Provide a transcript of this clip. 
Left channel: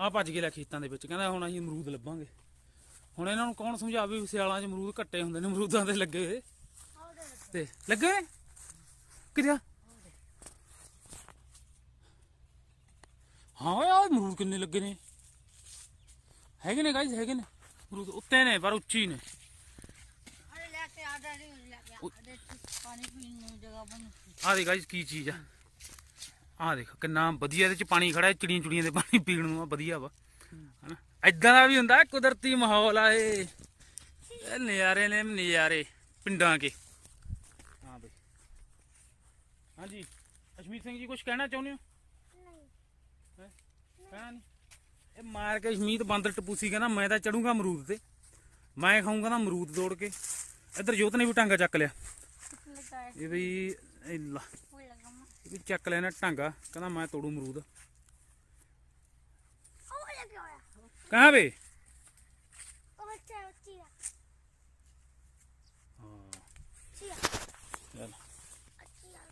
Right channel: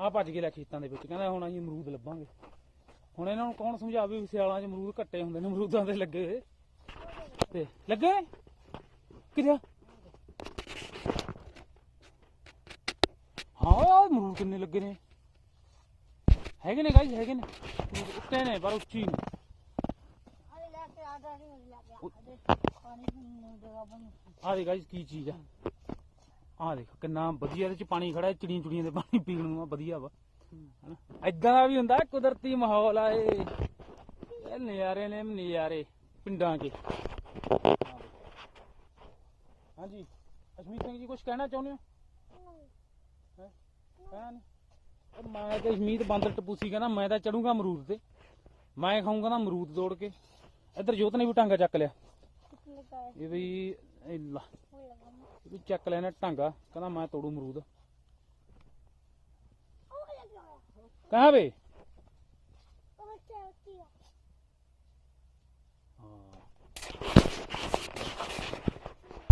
ਆ ਭੱਜ ਕੇ ਲੈ ਖੇਤਾਂ ਦੇ ਵਿੱਚ, ਕਹਿੰਦਾ ਹੁਣ ਅਸੀਂ ਅਮਰੂਦ ਲੱਭਾਂਗੇ। ਹੁਣ ਇਹਨਾਂ ਨੂੰ ਕੌਣ ਸਮਝਾਵੇ ਵੀ ਸਿਆਲਾਂ 'ਚ ਅਮਰੂਦ ਘੱਟੇ ਹੁੰਦੇ ਨੇ, ਅਮਰੂਦਾਂ ਦੇ ਲੱਗੇ ਹੋਏ ਤੇ ਲੱਗੇ ਨੇ ਕਿਰਿਆ। ਹਾਂ ਯਾਰ ਅਮਰੂਦ ਕਿੰਨੇ ਲੱਗੇ ਨੇ, ਹੈਗੇ ਨੇ ਗਾਇਸ, ਹੈਗੇ ਨੇ ਅਮਰੂਦ, ਉੱਤੇ ਨੇ ਪਰ ਉੱਚੀ ਨੇ। ਆ ਦੇਖ ਗਾਇਸ ਕੀ ਚੀਜ਼ ਆ, ਆਹ ਦੇਖ ਕਿੰਨਾ ਵਧੀਆ ਇਹਦੇ ਚ ਪਾਣੀ ਖੜਾ, ਚਿੜੀਆਂ ਚੁੜੀਆਂ ਦੇ ਪਾਣੀ ਪੀਣ ਨੂੰ ਵਧੀਆ ਵਾ ਹਨਾ। ਏਦਾਂ ਦਾ ਵੀ ਹੁੰਦਾ ਕੁਦਰਤੀ ਮਾਹੌਲ ਆ ਇਹ ਨਜ਼ਾਰੇ ਨੇ ਨਜ਼ਾਰੇ ਪਿੰਡਾਂ ਕੇ। ਹਾਂਜੀ ਅਸ਼ਮੀਤ ਸਿੰਘ ਜੀ ਕੁਝ ਕਹਿਣਾ ਚਾਹੁੰਦੇ ਹੋ? ਕਹਿਣਾ ਨਹੀਂ। ਇਹ ਮਾਰ ਕੇ ਅਸ਼ਮੀਤ ਬਾਂਦਰ ਟਪੂਸੀ ਕਹਿੰਦਾ ਮੈਂ ਤਾਂ ਚੜੂੰਗਾ ਅਮਰੂਦ ਤੇ, ਮੈਂ ਖਾਊਂਗਾ ਨਾ ਅਮਰੂਦ ਤੋੜ ਕੇ। ਇੱਧਰ ਜੋਤ ਨੇ ਵੀ ਟਾਂਗਾ ਚੱਕ ਲਿਆ, ਇਹ ਵੀ ਚੱਕ ਲਿਆ ਨਾ ਟਾਂਗਾ, ਕਹਿੰਦਾ ਮੈਂ ਤੋੜੂ ਅਮਰੂਦ। ਕਹਾਂ ਵੇ